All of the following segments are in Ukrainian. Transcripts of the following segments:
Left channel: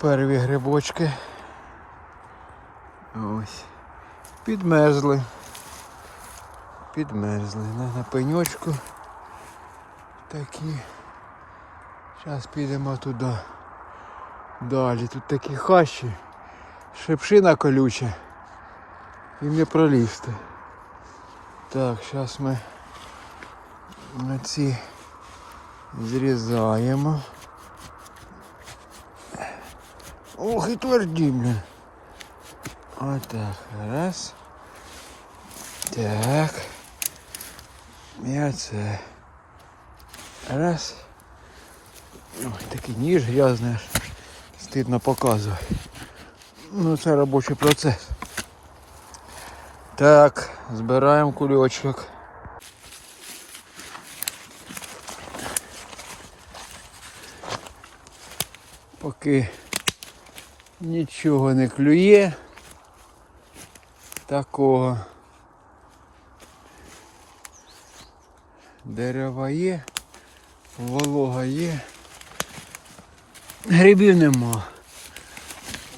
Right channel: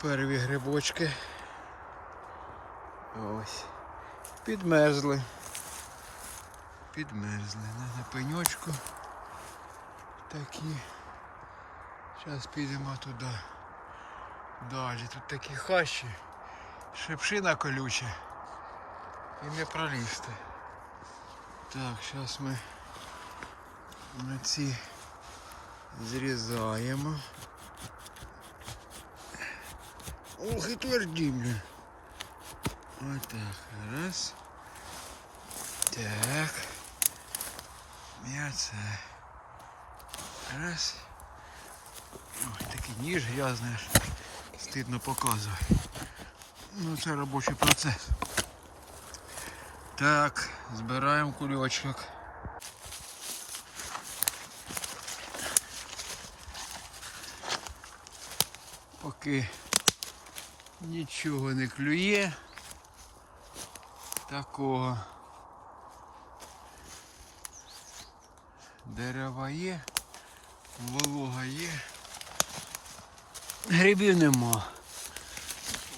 Перві грибочки. Ось. Підмерзли. Підмерзли. На, пеньочку. Такі. Зараз підемо туди. Далі. Тут такі хащі. Шипшина колюча. І не пролізти. Так, зараз ми на ці зрізаємо. Ох, і тверді, блін. Отак, раз. Так. І оце. Раз. Ой, такий ніж грязний. Стидно показувати. Ну це робочий процес. Так, збираємо кульочок. Поки нічого не клює. Такого. Дерева є, волога є. Грибів нема.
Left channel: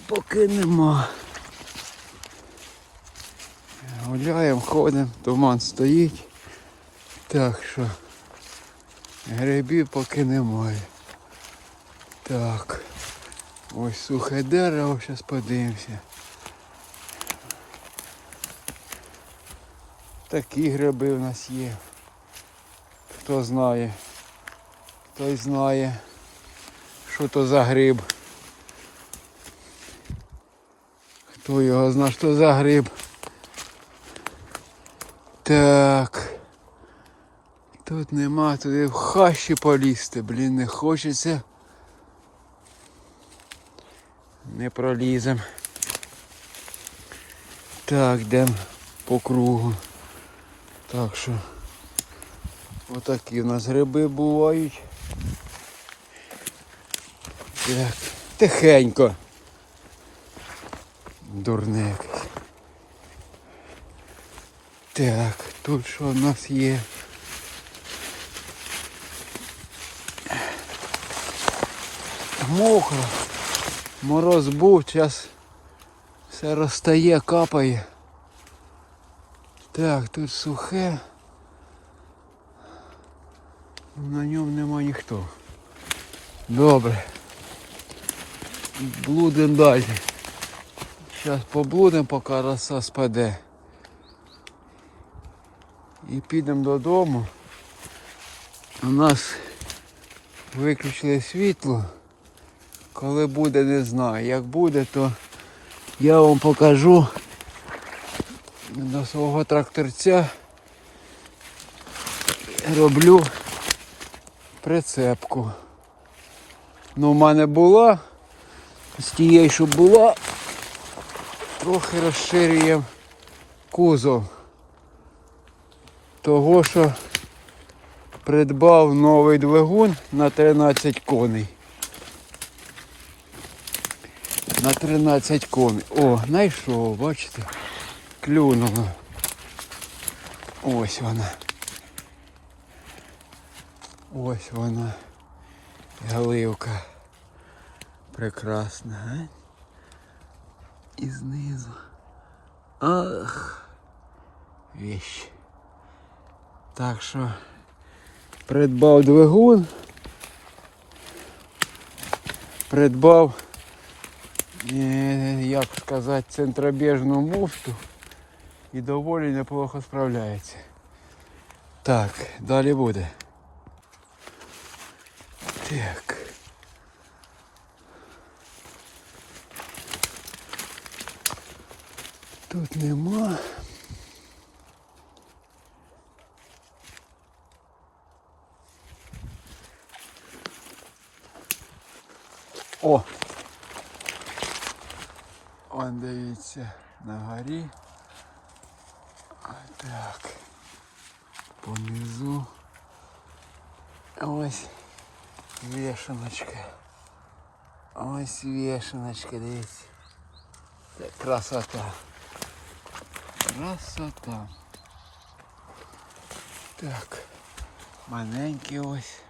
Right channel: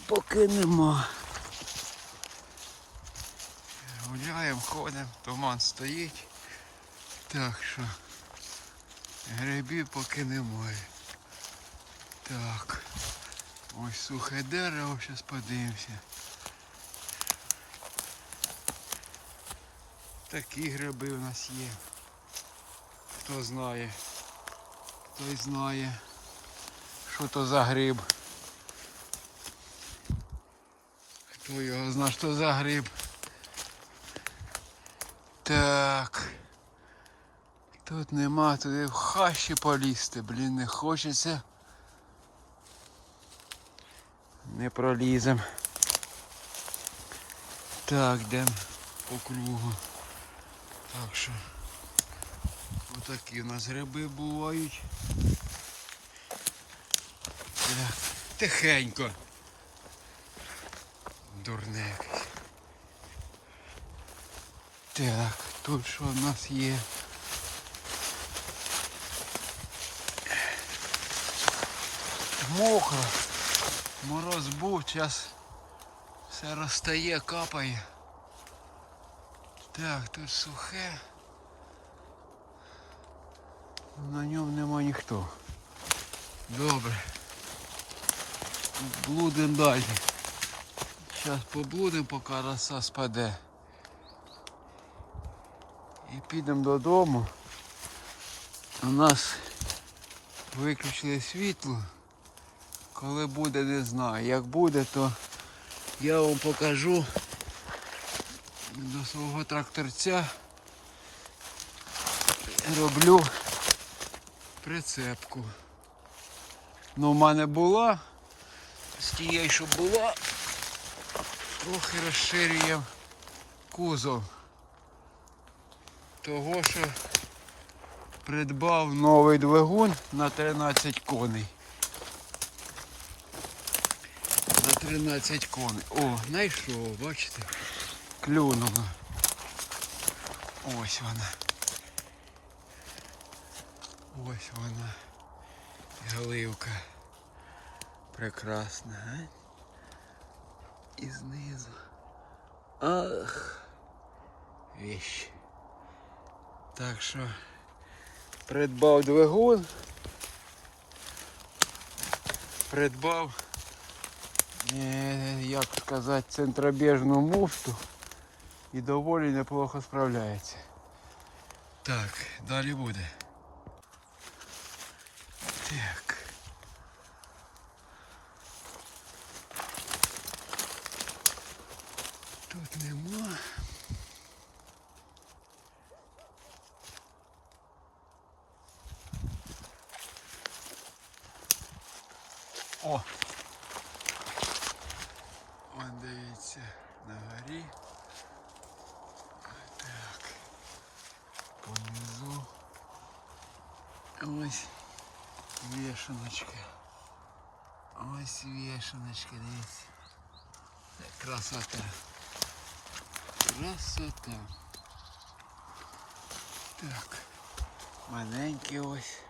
Поки нема. Гуляємо, ходимо, туман стоїть. Так що грибів поки немає. Так. Ось сухе дерево, зараз подивимося. Такі гриби у нас є. Хто знає, той знає, що то за гриб. Хто його знає, що за гриб. Так. Тут нема, туди в хащі полізти, блін, не хочеться. Не пролізем. Так, йдемо по кругу. Так що отакі у нас гриби бувають. Так, тихенько. Дурне якесь. Так, тут що в нас є? Мокро. Мороз був, зараз все розтає, капає. Так, тут сухе. На ньому нема ніхто. Добре. Блудимо далі. Зараз поблудимо, поки роса спаде. І підемо додому. У нас виключили світло. Коли буде, не знаю. Як буде, то я вам покажу до свого тракторця. Роблю прицепку. Ну, в мене була, з тієї, що була, трохи розширюємо кузов. Того, що придбав новий двигун на 13 коней. На 13 коней. О, знайшов, бачите? Клюнуло. Ось вона. Ось вона. Галивка. Прекрасна, а? І знизу. Ах. Віщ. Так що придбав двигун. Придбав як сказати, центробіжну муфту і доволі неплохо справляється. Так, далі буде. Так. Тут нема. О! Он дивіться на горі. Так. Понизу. Ось вешаночка. Ось вешаночка, дивіться. Це красота. Красота. Так. Маленький ось.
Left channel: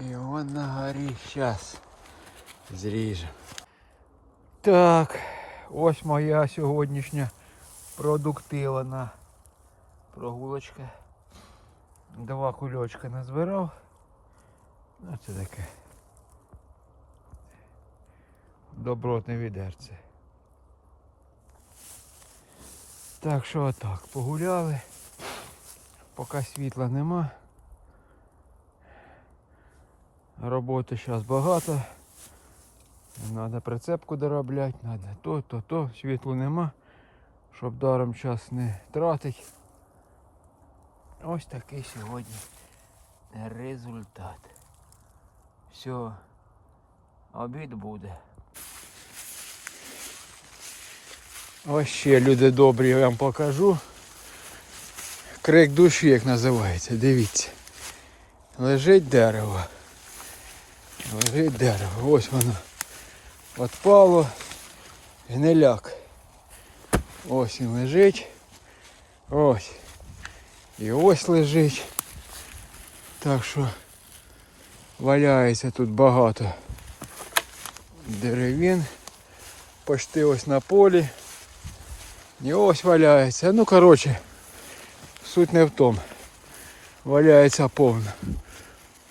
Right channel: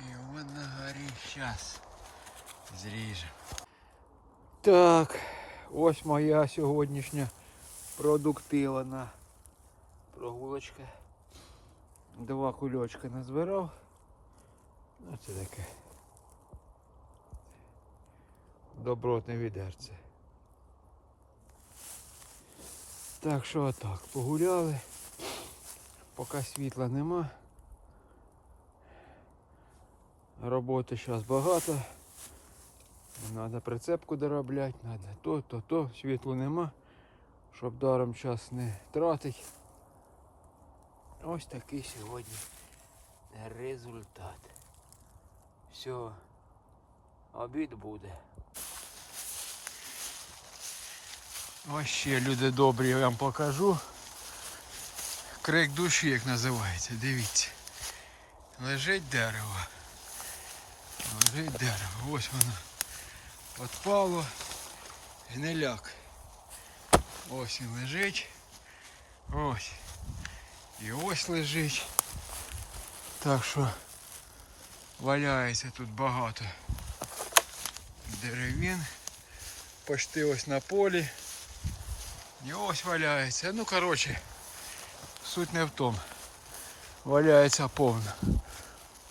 І он на горі. Щас. Зріжемо. Так, ось моя сьогоднішня продуктивна прогулочка. Два кульочка назбирав. Ну це таке. Добротне відерце. Так що отак, погуляли. Поки світла нема. Роботи зараз багато. Надо прицепку доробляти, надо то, то, то, світла нема, щоб даром час не тратить. Ось такий сьогодні результат. Все, обід буде. Ось ще люди добрі, я вам покажу. Крик душі, як називається, дивіться. Лежить дерево. Лежить дерево. Ось воно. Отпало. Гниляк. Ось він лежить. Ось. І ось лежить. Так що валяється тут багато деревін. Почти ось на полі. І ось валяється. Ну коротше, суть не в тому. Валяється повно.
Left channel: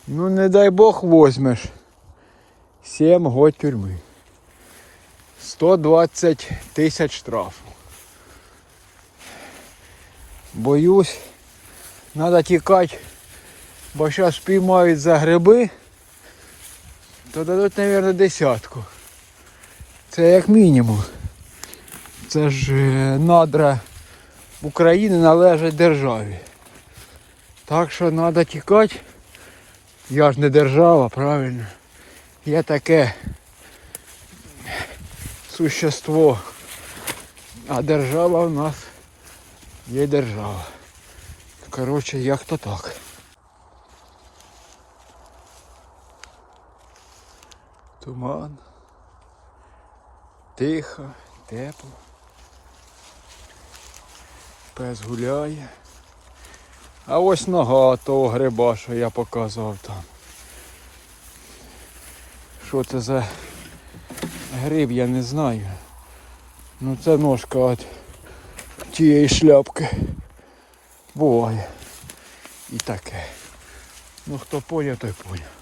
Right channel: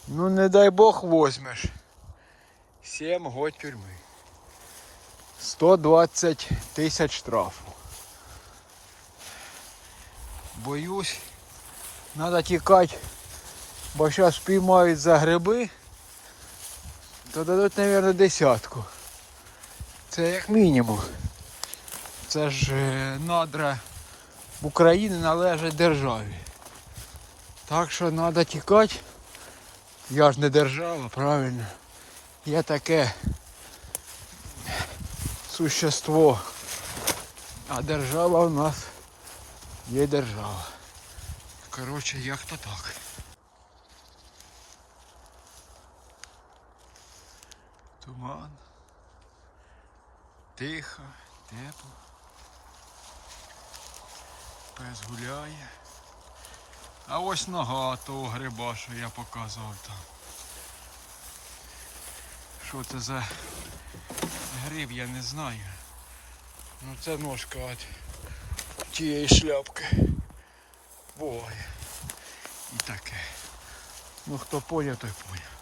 Ну не дай Бог возьмеш. 7 год тюрми. 120 тисяч штрафу. Боюсь, треба тікати, бо зараз спіймають за гриби, то дадуть, мабуть, десятку. Це як мінімум. Це ж е, надра України належать державі. Так що треба тікати. Я ж не держава, правильно. Я таке существо. А держава у нас є держава. Коротше, як то так. Туман. Тихо, тепло. Пес гуляє. А ось нога того гриба, що я показував там. Що це за гриб, я не знаю. Ну це ножка от тієї шляпки. Буває. І таке. Ну хто поняв, той поняв.